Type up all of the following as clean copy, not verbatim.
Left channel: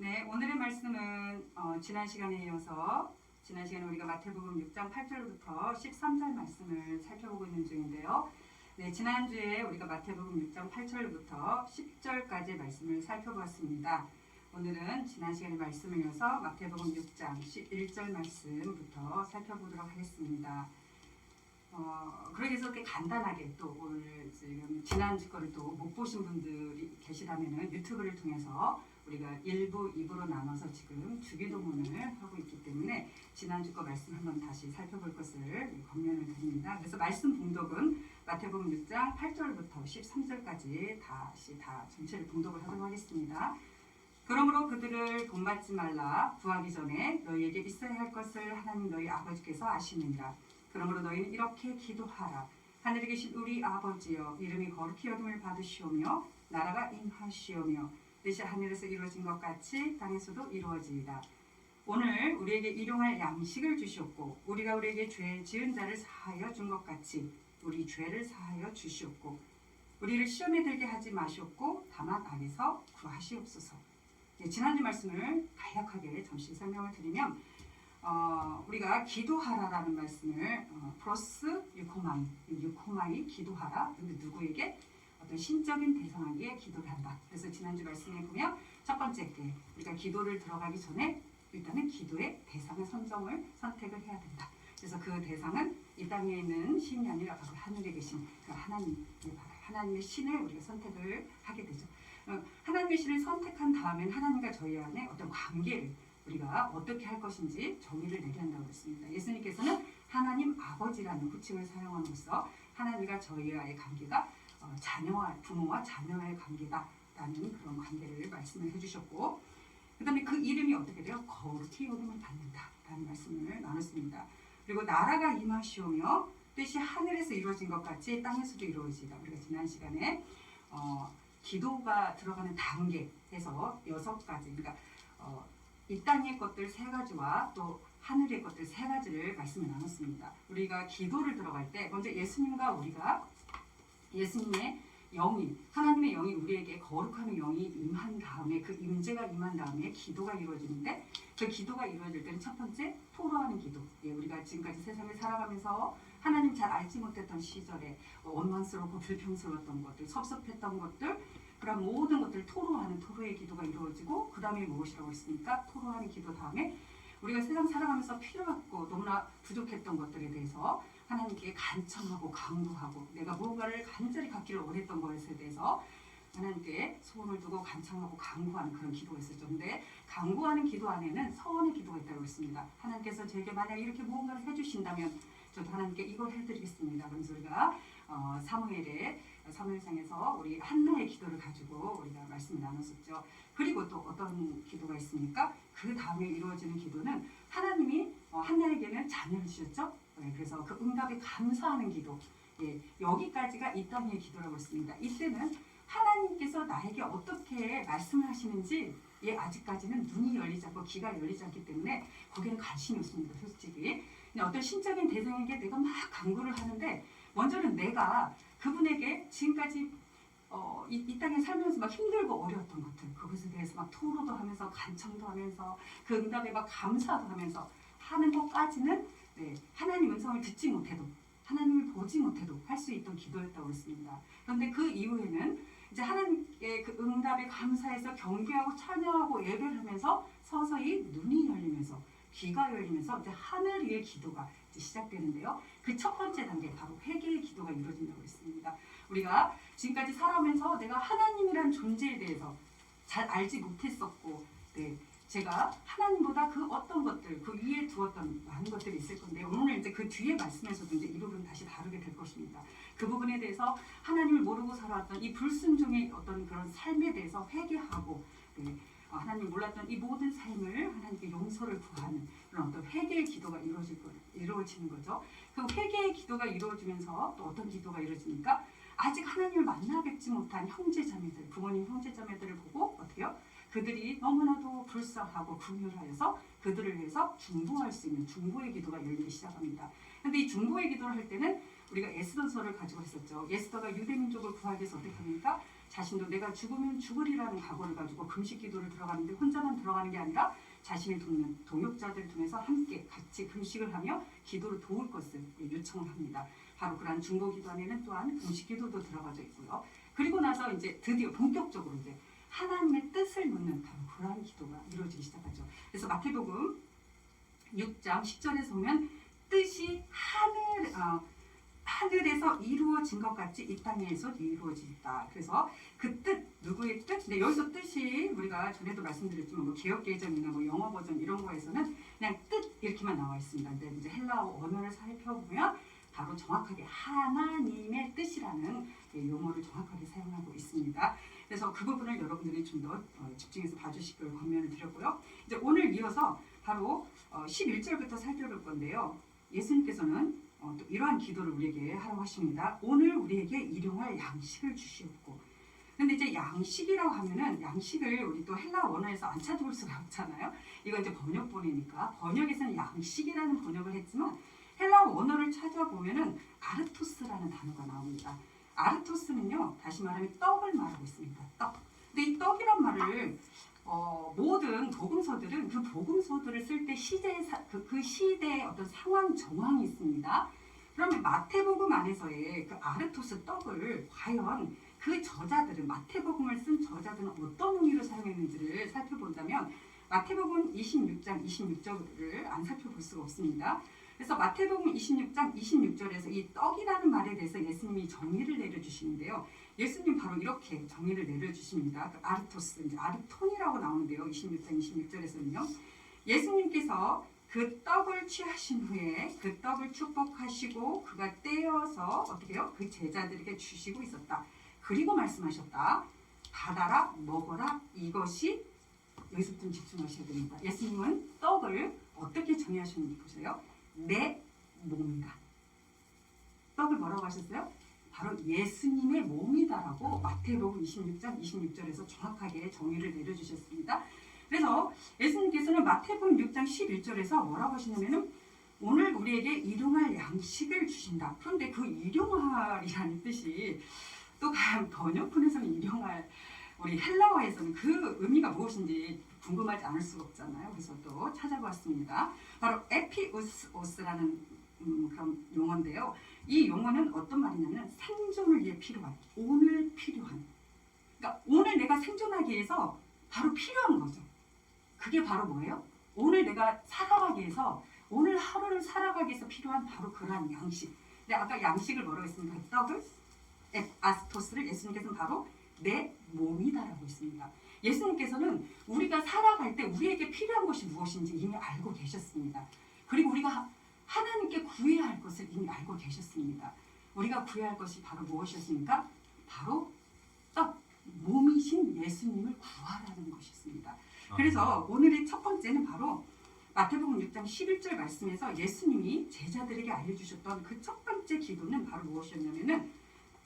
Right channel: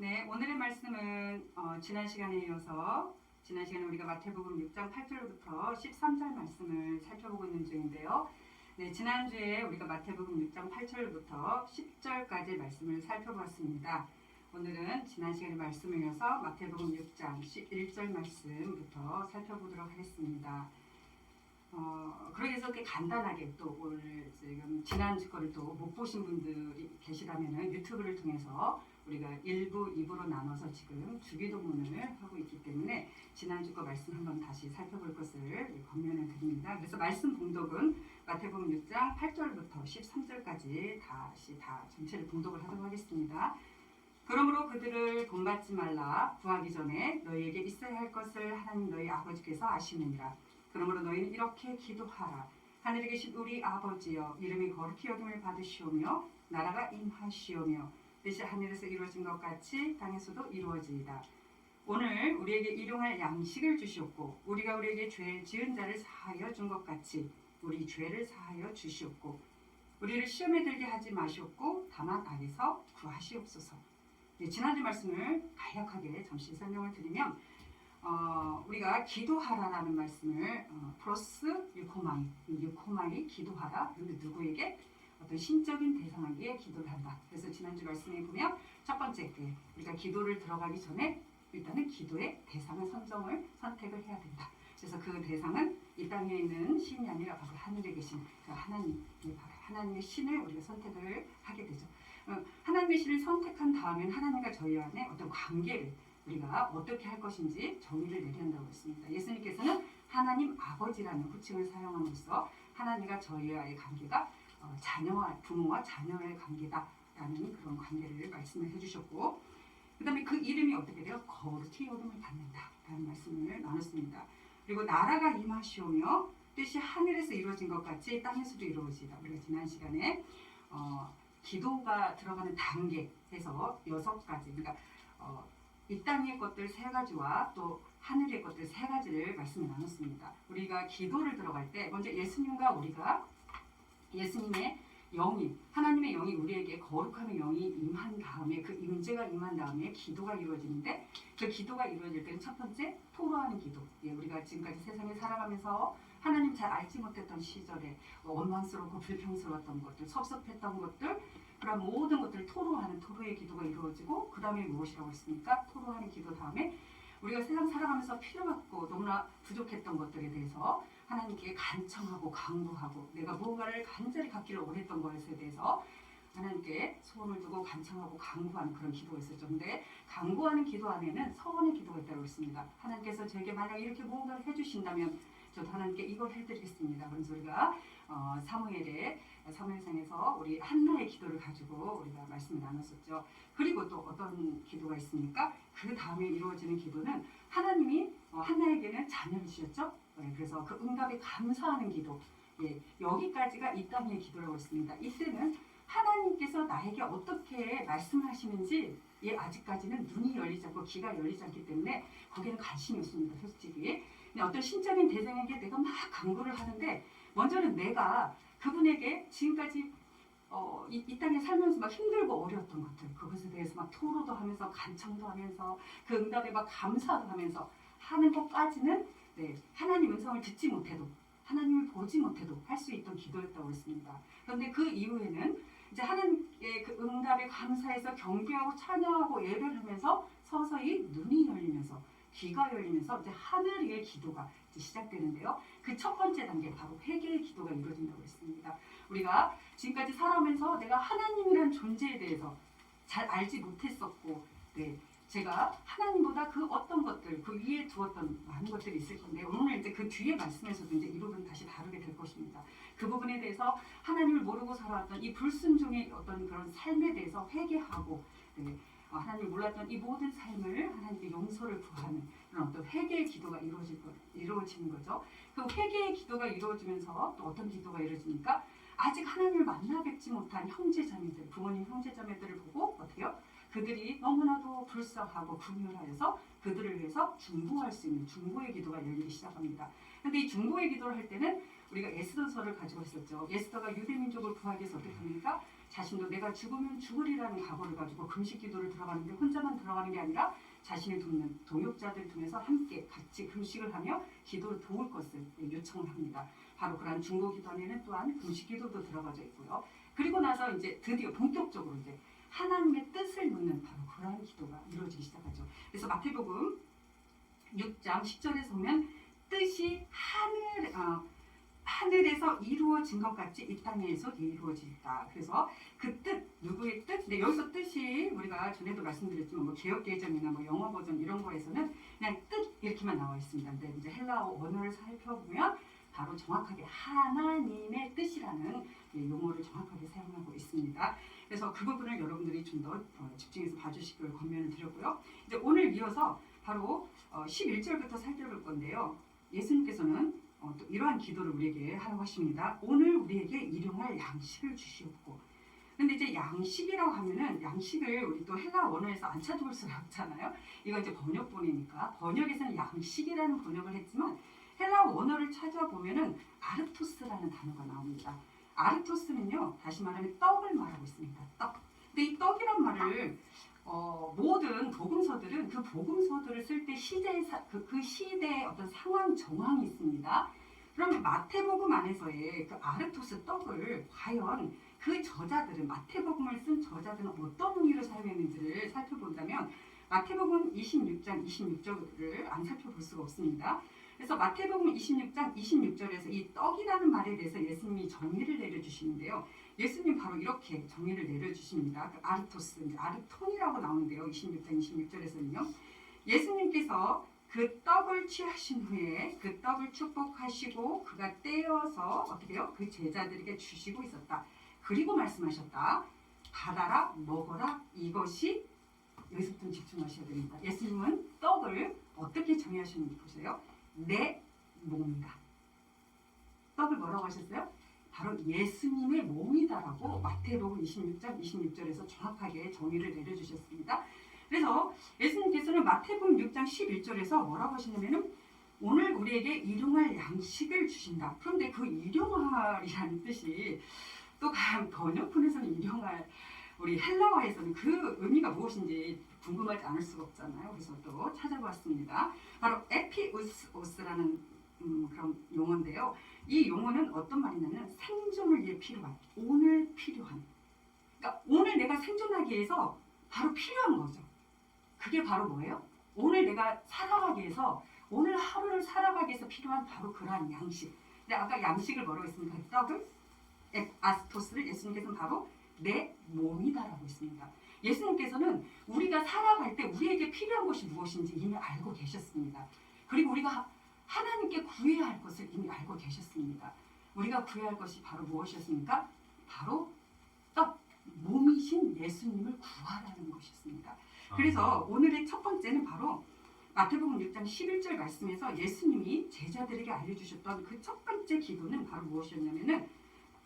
네, 오늘의 말씀은 지난 시간에 이어서 지난 시간에 우리가 마태복음 6장 8절부터 13절 말씀을 살펴보고 있는 중인데요. 네, 지난주에 우리가 마태복음 6장 8절부터 10절까지 말씀을 살펴보았습니다. 오늘은 지난 시간의 말씀을 이어서 마태복음 6장 11절 말씀부터 살펴보도록 하겠습니다. 그러기 위해서 이렇게 간단하게 또 오늘 지금 지난주 거를 또 못 보신 분들이 계시다면은 유튜브를 통해서 우리가 1부, 2부로 나눠서 지금 주기도문을 하고 있기 때문에 지난주 거 말씀 한번 다시 살펴볼 것을 권면을 드립니다. 그래서 말씀 봉독은 마태복음 6장 8절부터 13절까지 다시 다 전체를 봉독을 하도록 하겠습니다. 그러므로 그들을 본받지 말라. 구하기 전에 너희에게 있어야 할 것을 하나님 너희 아버지께서 아시느니라. 그러므로 너희는 이렇게 기도하라. 하늘에 계신 우리 아버지여, 이름이 거룩히 여김을 받으시오며 나라가 임하시오며 뜻이 하늘에서 이루어진 것 같이 땅에서도 이루어지이다. 오늘 우리에게 일용할 양식을 주시옵고 우리가 우리에게 죄 지은 자를 사하여 준 것 같이 우리 죄를 사하여 주시옵고 우리를 시험에 들게 하지 마시옵고 다만 악에서 구하시옵소서. 지난주 말씀을 간략하게 잠시 설명을 드리면 우리가 기도하라라는 말씀을 프로스 유코마이 기도하라. 그런데 누구에게? 어떤 신적인 대상에게 기도를 한다. 그래서 지난주 말씀에 보면 첫 번째 우리가 기도를 들어가기 전에 일단은 기도의 대상을 선택을 해야 된다. 그래서 그 대상은 이 땅에 있는 신이 아니라 바로 하늘에 계신 그 하나님의 신을 우리가 선택을 하게 되죠. 하나님의 신을 선택한 다음엔 하나님과 저희 안에 어떤 관계를 우리가 어떻게 할 것인지 정의를 내려야 한다고 했습니다. 예수님께서는 하나님 아버지라는 호칭을 사용함으로써 하나님과 저희와의 관계가 부모와 자녀의 관계다라는 그런 관계를 말씀을 해주셨고, 그 다음에 그 이름이 어떻게 돼요? 거룩히 여김을 받는다라는 말씀을 나눴습니다. 그리고 나라가 임하시오며 뜻이 하늘에서 이루어진 것 같이 땅에서도 이루어지다. 우리가 지난 시간에 기도가 들어가는 단계에서 6가지, 그러니까 이 땅의 것들 3가지와 또 하늘의 것들 3가지를 말씀을 나눴습니다. 우리가 기도를 들어갈 때 먼저 예수님의 영이, 하나님의 영이 우리에게 거룩함의 영이 임한 다음에 그 임재가 임한 다음에 기도가 이루어지는데, 그 기도가 이루어질 때는 첫 번째 토로하는 기도. 우리가 지금까지 세상을 살아가면서 하나님 잘 알지 못했던 시절에 원망스럽고 불평스러웠던 것들, 섭섭했던 것들, 그런 모든 것들을 토로하는 토로의 기도가 이루어지고, 그 다음에 무엇이라고 했습니까? 토로하는 기도 다음에 우리가 세상 살아가면서 필요했고 너무나 부족했던 것들에 대해서 하나님께 간청하고 간구하고, 내가 무언가를 간절히 갖기를 원했던 것에 대해서 하나님께 소원을 두고 간청하고 간구하는 그런 기도가 있었죠. 근데 간구하는 기도 안에는 서원의 기도가 있다고 했습니다. 하나님께서 저에게 만약 이렇게 무언가를 해주신다면 저도 하나님께 이걸 해드리겠습니다. 그래서 우리가 사무엘상에서 우리 한나의 기도를 가지고 우리가 말씀을 나눴었죠. 그리고 또 어떤 기도가 있습니까? 그 다음에 이루어지는 기도는 하나님이 한나에게는 자녀를 주셨죠. 그래서 그 응답에 감사하는 기도. 여기까지가 이 땅의 기도라고 했습니다. 이때는 하나님께서 나에게 어떻게 말씀을 하시는지 아직까지는 눈이 열리지 않고 귀가 열리지 않기 때문에 거기는 관심이 없습니다. 솔직히. 어떤 신적인 대상에게 내가 막 간구를 하는데, 먼저는 내가 그분에게 지금까지 이 땅에 살면서 막 힘들고 어려웠던 것들, 그것에 대해서 막 토로도 하면서 간청도 하면서 그 응답에 막 감사도 하면서 하는 것까지는 하나님 음성을 듣지 못해도, 하나님을 보지 못해도 할 수 있던 기도였다고 했습니다. 그런데 그 이후에는 이제 하나님의 그 응답에 감사해서 경배하고 찬양하고 예배를 하면서 서서히 눈이 열리면서 귀가 열리면서 이제 하늘 위의 기도가 이제 시작되는데요. 그 첫 번째 단계 바로 회개의 기도가 이루어진다고 했습니다. 우리가 지금까지 살아오면서 내가 하나님이라는 존재에 대해서 잘 알지 못했었고, 제가 하나님보다 그 어떤 것들, 그 위에 두었던 많은 것들이 있을 건데, 오늘 이제 그 뒤에 말씀에서도 이제 이 부분 다시 다루게 될 것입니다. 그 부분에 대해서 하나님을 모르고 살아왔던 이 불순종의 어떤 그런 삶에 대해서 회개하고, 하나님 몰랐던 이 모든 삶을 하나님께 용서를 구하는 그런 어떤 회개의 기도가 이루어지는 거죠. 그 회개의 기도가 이루어지면서 또 어떤 기도가 이루어지니까, 아직 하나님을 만나 뵙지 못한 형제자매들, 부모님 형제자매들을 보고 어떻게 해요? 그들이 너무나도 불쌍하고 긍휼하여서 그들을 위해서 중보할 수 있는 중보의 기도가 열리기 시작합니다. 그런데 이 중보의 기도를 할 때는 우리가 에스더서를 가지고 했었죠. 에스더가 유대 민족을 구하기 위해서 어떻게 합니까? 자신도 내가 죽으면 죽으리라는 각오를 가지고 금식 기도를 들어가는데 혼자만 들어가는 게 아니라 자신을 돕는 동역자들 통해서 함께 같이 금식을 하며 기도를 도울 것을 요청을 합니다. 바로 그러한 중보 기도 안에는 또한 금식 기도도 들어가져 있고요. 그리고 나서 이제 드디어 본격적으로 이제 하나님의 뜻을 묻는 바로 그러한 기도가 이루어지기 시작하죠. 그래서 마태복음 6장 10절에서 보면 뜻이 하늘에서 이루어진 것 같이 이 땅에서 이루어진다. 그래서 그 뜻, 누구의 뜻? 근데 여기서 뜻이 우리가 전에도 말씀드렸지만 뭐 개역개정이나 뭐 영어 버전 이런 거에서는 그냥 뜻 이렇게만 나와 있습니다. 근데 이제 헬라어 원어를 살펴보면 바로 정확하게 하나님의 뜻이라는 용어를 정확하게 사용하고 있습니다. 그래서 그 부분을 여러분들이 좀 더 집중해서 봐주시길 권면을 드렸고요. 이제 오늘 이어서 바로 11절부터 살펴볼 건데요. 예수님께서는 또 이러한 기도를 우리에게 하라고 하십니다. 오늘 우리에게 일용할 양식을 주시옵고. 근데 이제 양식이라고 하면은 양식을 우리 또 헬라 원어에서 안 찾아볼 수가 없잖아요. 이건 이제 번역본이니까 번역에서는 양식이라는 번역을 했지만 헬라 원어를 찾아보면은 아르토스라는 단어가 나옵니다. 아르토스는요, 다시 말하면 떡을 말하고 있습니다. 떡. 근데 이 떡이란 말을 모든 복음서들은 그 복음서들을 쓸 때 그 시대의 어떤 상황 정황이 있습니다. 그러면 마태복음 안에서의 그 아르토스 떡을 과연 그 저자들은 마태복음을 쓴 저자들은 어떤 의미로 사용했는지를 살펴본다면 마태복음 26장 26절을 안 살펴볼 수가 없습니다. 그래서 마태복음 26장 26절에서 이 떡이라는 말에 대해서 예수님이 정의를 내려주시는데요. 예수님 바로 이렇게 정의를 내려주십니다. 그 아르토스, 이제 아르톤이라고 나오는데요. 26장 26절에서는요. 예수님께서 그 떡을 취하신 후에 그 떡을 축복하시고 그가 떼어서 어떻게 해요? 그 제자들에게 주시고 있었다. 그리고 말씀하셨다. 받아라, 먹어라. 이것이 여기서부터 좀 집중하셔야 됩니다. 예수님은 떡을 어떻게 정의하셨는지 보세요. 내 몸이다. 떡을 뭐라고 하셨어요? 바로 예수님의 몸이다라고 마태복음 26장 26절에서 정확하게 정의를 내려주셨습니다. 그래서 예수님께서는 마태복음 6장 11절에서 뭐라고 하시냐면은 오늘 우리에게 일용할 양식을 주신다. 그런데 그 일용할이라는 뜻이 또 번역본에서는 일용할, 우리 헬라어에서는 그 의미가 무엇인지 궁금하지 않을 수가 없잖아요. 그래서 또 찾아봤습니다. 바로 에피우스라는 그런 용어인데요. 이 용어는 어떤 말이냐면 생존을 위해 필요한, 오늘 필요한. 그러니까 오늘 내가 생존하기 위해서 바로 필요한 거죠. 그게 바로 뭐예요? 오늘 내가 살아가기 위해서, 오늘 하루를 살아가기 위해서 필요한 바로 그러한 양식. 근데 아까 양식을 뭐라고 했습니까? 떡을, 아스토스를 예수님께서는 바로 내 몸이다라고 했습니다. 예수님께서는 우리가 살아갈 때 우리에게 필요한 것이 무엇인지 이미 알고 계셨습니다. 그리고 우리가 하나님께 구해야 할 것을 이미 알고 계셨습니다. 우리가 구해야 할 것이 바로 무엇이었습니까? 바로 떡, 몸이신 예수님을 구하라는 것이었습니다. 그래서 오늘의 첫 번째는 바로 마태복음 6장 11절 말씀에서 예수님이 제자들에게 알려주셨던 그 첫 번째 기도는 바로 무엇이었냐면은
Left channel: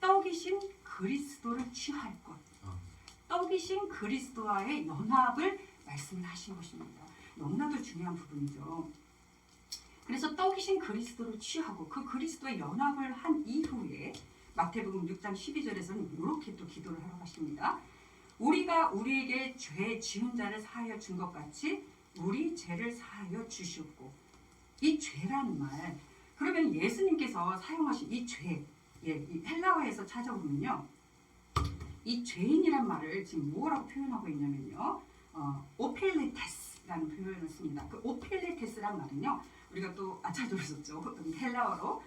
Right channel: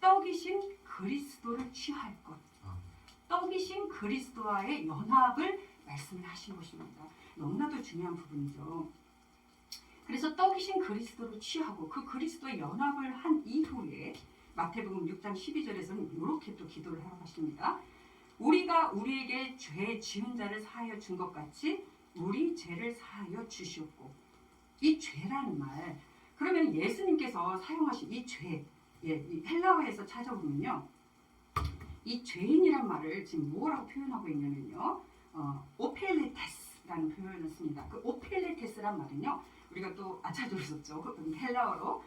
떡이신 그리스도를 취할 것. 떡이신 그리스도와의 연합을 말씀을 하신 것입니다. 너무나도 중요한 부분이죠. 그래서 떡이신 그리스도를 취하고 그 그리스도의 연합을 한 이후에 마태복음 6장 12절에서는 이렇게 또 기도를 하러 가십니다. 우리가 우리에게 죄 지은 자를 사하여 준 것 같이 우리 죄를 사하여 주시옵고. 이 죄라는 말, 그러면 예수님께서 사용하신 이 죄, 이 헬라어에서 찾아보면요, 이 죄인이란 말을 지금 뭐라고 표현하고 있냐면요, 오펠레테스라는 표현을 씁니다. 그 오펠레테스란 말은요, 우리가 또 안 찾아보셨죠? 헬라어로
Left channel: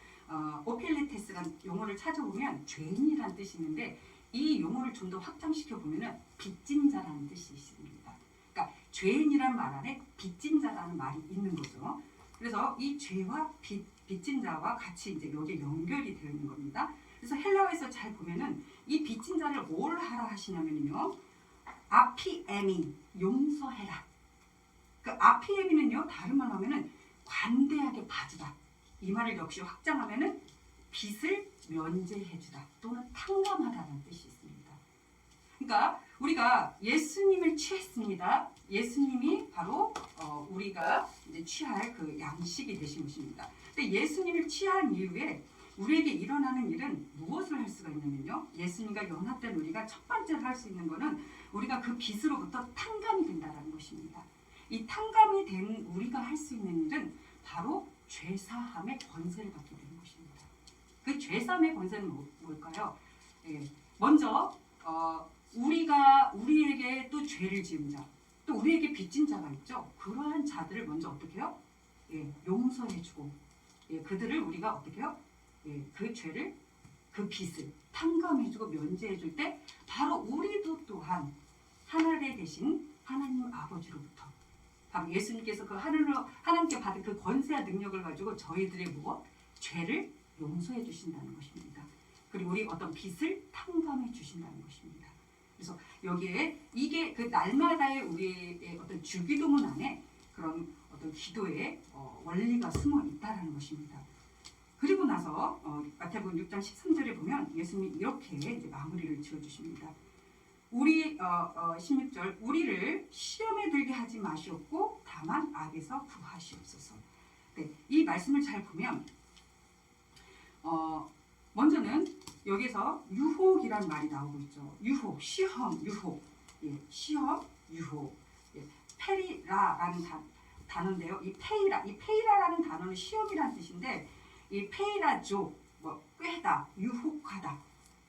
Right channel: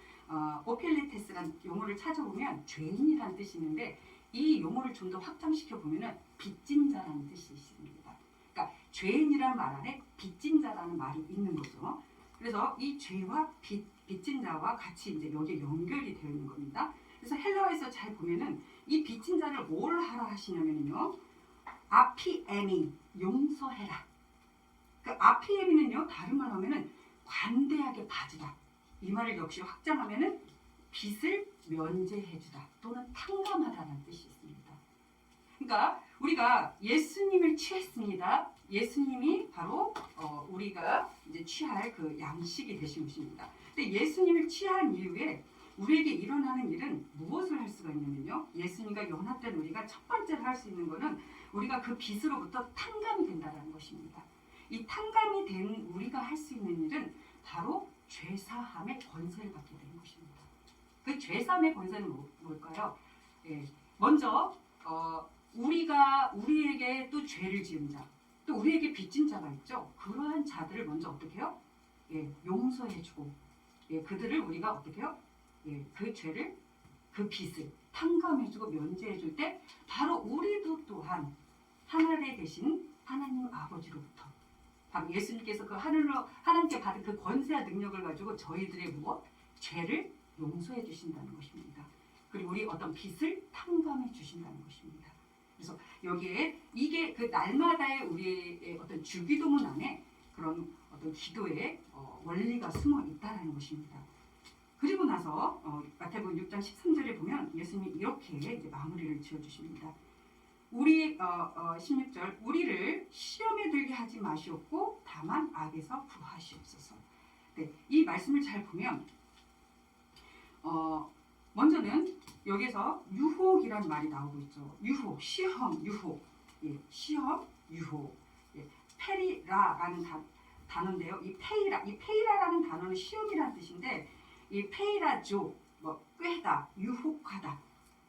오펠레테스란 용어를 찾아보면 죄인이란 뜻이 있는데 이 용어를 좀 더 확장시켜 보면은 빚진 자라는 뜻이 있습니다. 그러니까 죄인이란 말 안에 빚진 자라는 말이 있는 거죠. 그래서 이 죄와 빚진 자와 같이 이제 여기에 연결이 되어 있는 겁니다. 그래서 헬라어에서 잘 보면은 이 빚진 자를 뭘 하라 하시냐면요, 아피에미, 용서해라. 그 아피에미는요, 다른 말로 하면은 관대하게 봐주다. 이 말을 역시 확장하면은 빚을 면제해주다 또는 탕감하다라는 뜻이 있습니다. 그러니까 우리가 예수님을 취했습니다. 예수님이 바로 우리가 이제 취할 그 양식이 되신 것입니다. 근데 예수님을 취한 이후에 우리에게 일어나는 일은 무엇을 할 수가 있냐면요. 예수님과 연합된 우리가 첫 번째로 할 수 있는 것은 우리가 그 빛으로부터 탕감이 된다는 것입니다. 이 탕감이 된 우리가 할 수 있는 일은 바로 죄사함의 권세를 받게 되는 것입니다. 그 죄사함의 권세는 뭘까요? 예, 먼저 우리에게 또 죄를 지은 자, 또 우리에게 빚진 자가 있죠. 그러한 자들을 먼저 어떻게 해요? 예, 용서해주고, 예, 그들을 우리가 어떻게 해요? 예, 그 죄를, 그 빚을 탕감해주고 면제해줄 때 바로 우리도 또한 하늘에 계신 하나님 아버지로부터 바로 예수님께서 그 하나님께 받은 그 권세와 능력을 가지고 저희들의 무엇? 죄를 용서해 주신다는 것입니다. 그리고 우리 어떤 빚을 탕감해 주신다는 것입니다. 그래서 여기에 이게 그 날마다의 우리의 어떤 주기도문 안에 그런 어떤 기도의 원리가 숨어 있다라는 것입니다. 그리고 나서 마태복음 6장 13절에 보면 예수님이 이렇게 이제 마무리를 지어주십니다. 16절 우리를 시험에 들게 하지 마시옵고 다만 악에서 구하시옵소서. 네, 이 말씀을 잘 보면 먼저는 여기서 유혹이란 말이 나오고 있죠. 유혹, 시험, 유혹, 예, 시험, 유혹, 예, 페리라라는 단어인데요. 이 페이라라는 단어는 시험이란 뜻인데 이 페이라조, 꾀다, 유혹하다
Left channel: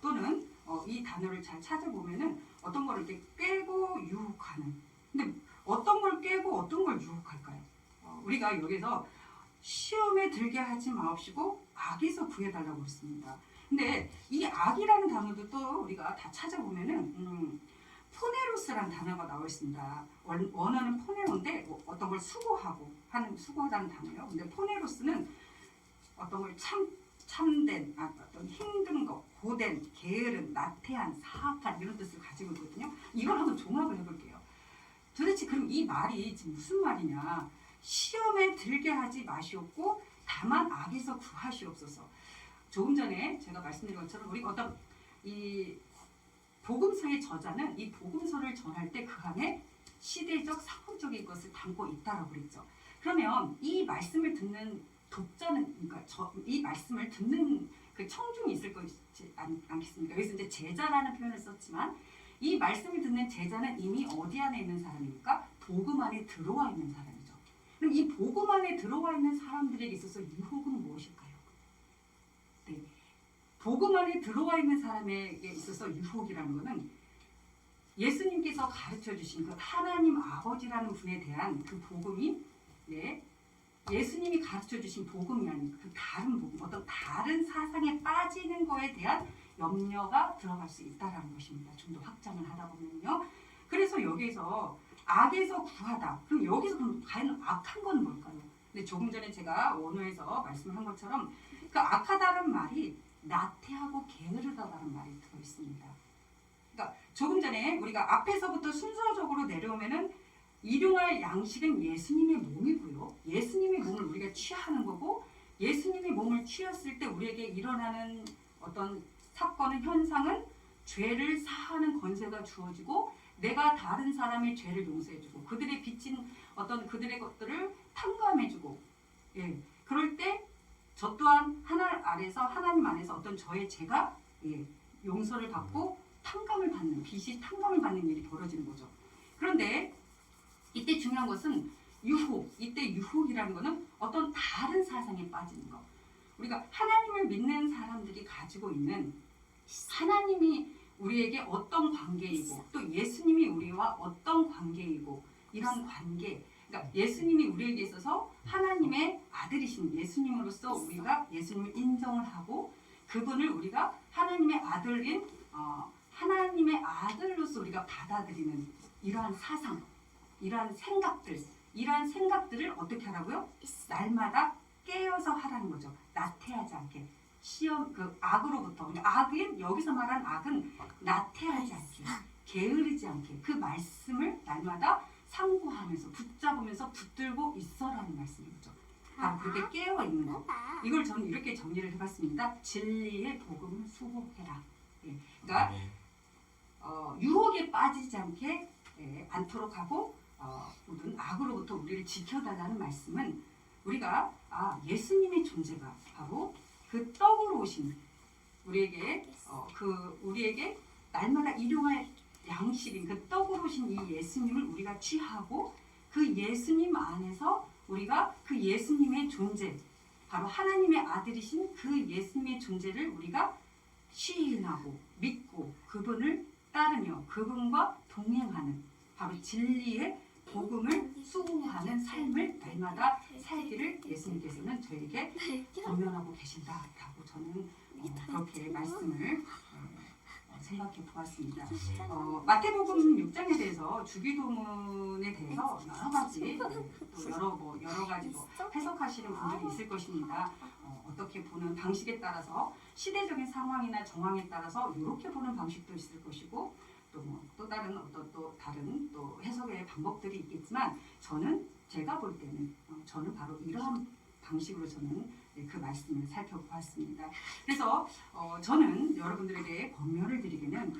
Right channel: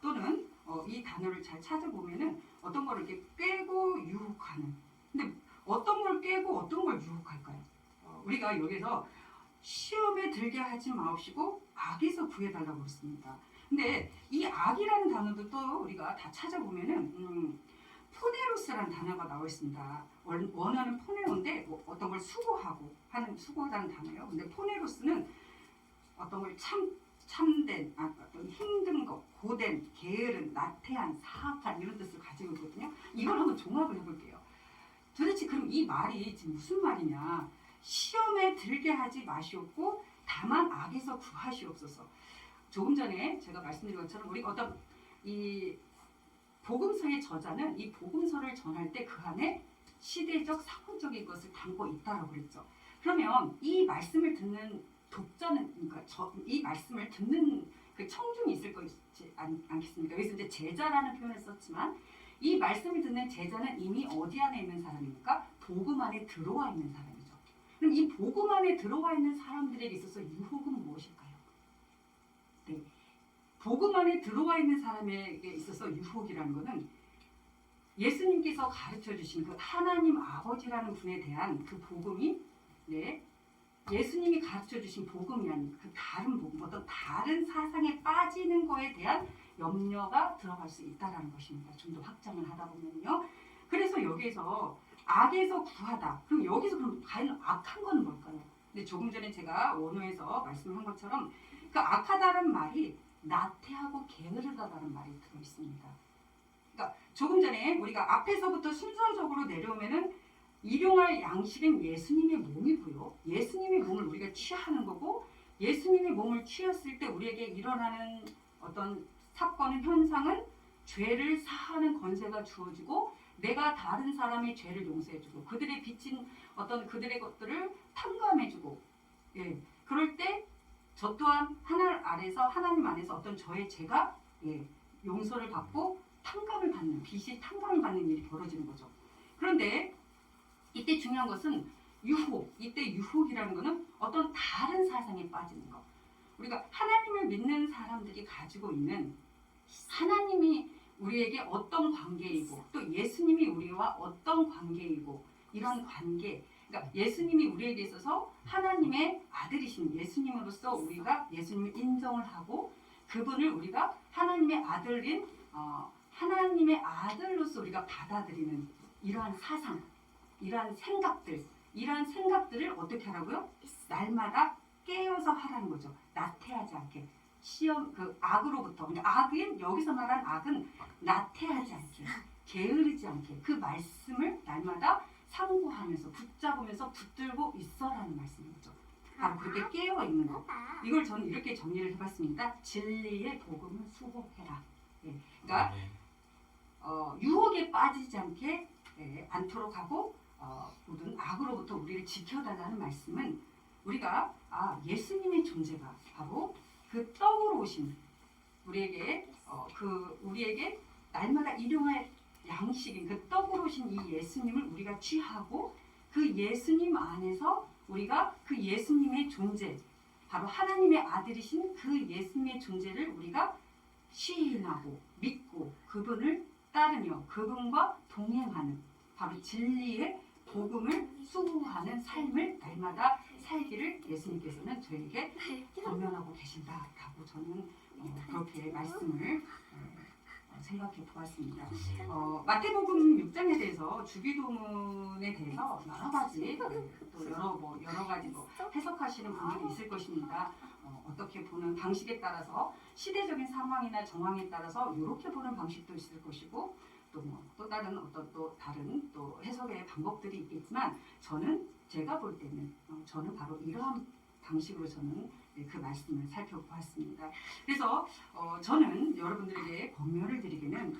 또는 이 단어를 잘 찾아보면은 어떤 걸 이렇게 꿰고 유혹하는. 근데 어떤 걸 꿰고 어떤 걸 유혹할까요? 우리가 여기서 시험에 들게 하지 마옵시고 악에서 구해달라고 그랬습니다. 근데 이 악이라는 단어도 또 우리가 다 찾아보면은 포네로스라는 단어가 나와 있습니다. 원어는 포네로인데 어떤 걸 수고하다는 단어예요. 근데 포네로스는 어떤 걸 참된, 어떤 힘든 것, 고된, 게으른, 나태한, 사악한 이런 뜻을 가지고 있거든요. 이걸 한번 종합을 해볼게요. 도대체 그럼 이 말이 지금 무슨 말이냐? 시험에 들게 하지 마시옵고 다만 악에서 구하시옵소서. 조금 전에 제가 말씀드린 것처럼 우리 어떤 이 복음서의 저자는 이 복음서를 전할 때 그 안에 시대적 사건적인 것을 담고 있다라고 그랬죠. 그러면 이 말씀을 듣는 독자는, 그러니까 이 말씀을 듣는 그 청중이 있을 것이지 않겠습니까? 여기서 이제 제자라는 표현을 썼지만 이 말씀을 듣는 제자는 이미 어디 안에 있는 사람입니까? 복음 안에 들어와 있는 사람이죠. 그럼 이 복음 안에 들어와 있는 사람들에게 있어서 유혹은 무엇일까요? 네, 복음 안에 들어와 있는 사람에게 있어서 유혹이라는 것은 예수님께서 가르쳐 주신 그 하나님 아버지라는 분에 대한 그 복음이 예수님이 가르쳐 주신 복음이 아닌 그 다른 복음, 어떤 다른 사상에 빠지는 거에 대한 염려가 들어갈 수 있다는 것입니다. 좀 더 확장을 하다 보면요. 그래서 여기서 악에서 구하다. 그럼 여기서 그럼 과연 악한 건 뭘까요? 근데 조금 전에 제가 원어에서 말씀한 것처럼 그 악하다는 말이 나태하고 게으르다라는 말이 들어 있습니다. 그러니까 조금 전에 우리가 앞에서부터 순서적으로 내려오면은 일용할 양식은 예수님의 몸이고요. 예수님의 몸을 우리가 취하는 거고 예수님의 몸을 취했을 때 우리에게 일어나는 어떤 사건은 현상은 죄를 사하는 권세가 주어지고 내가 다른 사람의 죄를 용서해주고 그들의 빚진 어떤 그들의 것들을 탕감해주고 그럴 때 저 또한 하나님 안에서 어떤 저의 죄가 용서를 받고 탕감을 받는 빚이 탕감을 받는 일이 벌어지는 거죠. 그런데 이때 중요한 것은 이때 유혹이라는 것은 어떤 다른 사상에 빠지는 것. 우리가 하나님을 믿는 사람들이 가지고 있는 하나님이 우리에게 어떤 관계이고 또 예수님이 우리와 어떤 관계이고 이런 관계. 그러니까 예수님이 우리에게 있어서 하나님의 아들이신 예수님으로서 우리가 예수님을 인정을 하고 그분을 우리가 하나님의 아들인 하나님의 아들로서 우리가 받아들이는 이러한 사상, 이러한 생각들을 어떻게 하라고요? 날마다 깨어서 하라는 거죠. 나태하지 않게. 악으로부터. 그러니까 여기서 말하는 악은 나태하지 않게, 게으르지 않게 그 말씀을 날마다 상고하면서 붙잡으면서 붙들고 있어라는 말씀인 거죠. 바로 그렇게 깨어 있는 것. 이걸 저는 이렇게 정리를 해봤습니다. 진리의 복음을 수호해라. 그러니까 유혹에 빠지지 않게 않도록 하고 모든 악으로부터 우리를 지켜달라는 말씀은 우리가 예수님의 존재가 바로 그 떡으로 오신 우리에게 날마다 일용할 양식인 그 떡으로 오신 이 예수님을 우리가 취하고 그 예수님 안에서 우리가 그 예수님의 존재, 바로 하나님의 아들이신 그 예수님의 존재를 우리가 시인하고 믿고 그분을 따르며 그분과 동행하는 바로 진리의 복음을 수호하는 삶을 날마다 살기를 예수님께서는 저에게 권면하고 계신다라고 저는 그렇게 말씀을 생각해 보았습니다. 마태복음 6장에 대해서 주기도문에 대해서 여러 가지 여러 가지 해석하시는 분들이 있을 것입니다. 어떻게 보는 방식에 따라서 시대적인 상황이나 정황에 따라서 이렇게 보는 방식도 있을 것이고 또 다른 해석의 방법들이 있겠지만 제가 볼 때는 저는 바로 이러한 방식으로 저는 그 말씀을 살펴보았습니다. 그래서 저는 여러분들에게 권면을 드리기는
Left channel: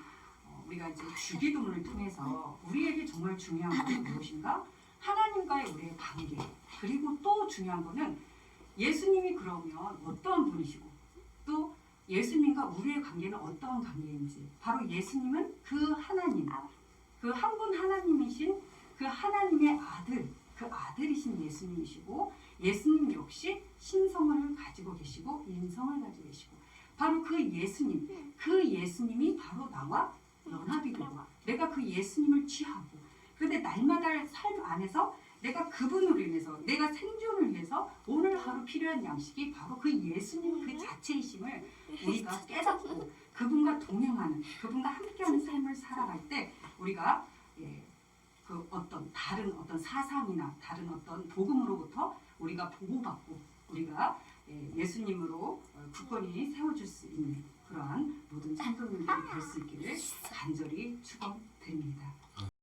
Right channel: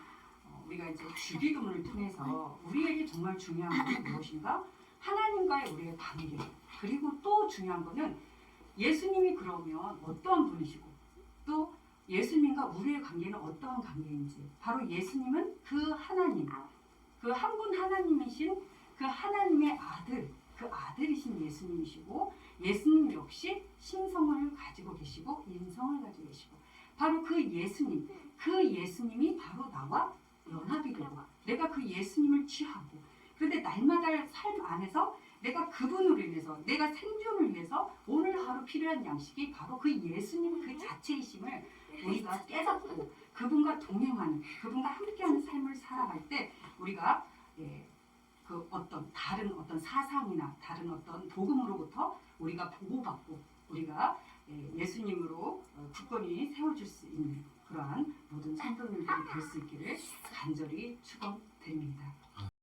우리가 이제 주기도문을 통해서 우리에게 정말 중요한 것은 무엇인가? 하나님과의 우리의 관계, 그리고 또 중요한 것은 예수님이 그러면 어떠한 분이시고 또 예수님과 우리의 관계는 어떠한 관계인지, 바로 예수님은 그 하나님, 그 한 분 하나님이신 그 하나님의 아들, 그 아들이신 예수님이시고 예수님 역시 신성을 가지고 계시고 인성을 가지고 계시고 바로 그 예수님이 바로 나와 연합이 되고 내가 그 예수님을 취하고 그런데 날마다 삶 안에서 내가 그분으로 인해서 내가 생존을 위해서 오늘 하루 필요한 양식이 바로 그 예수님 그 자체이심을 우리가 깨닫고 그분과 동행하는 그분과 함께하는 삶을 살아갈 때 우리가 그 다른 사상이나 다른 복음으로부터 우리가 보호받고 우리가 예수님으로 굳건히 세워줄 수 있는 그러한 모든 성도님들이 될 수 있기를 간절히 축원드립니다.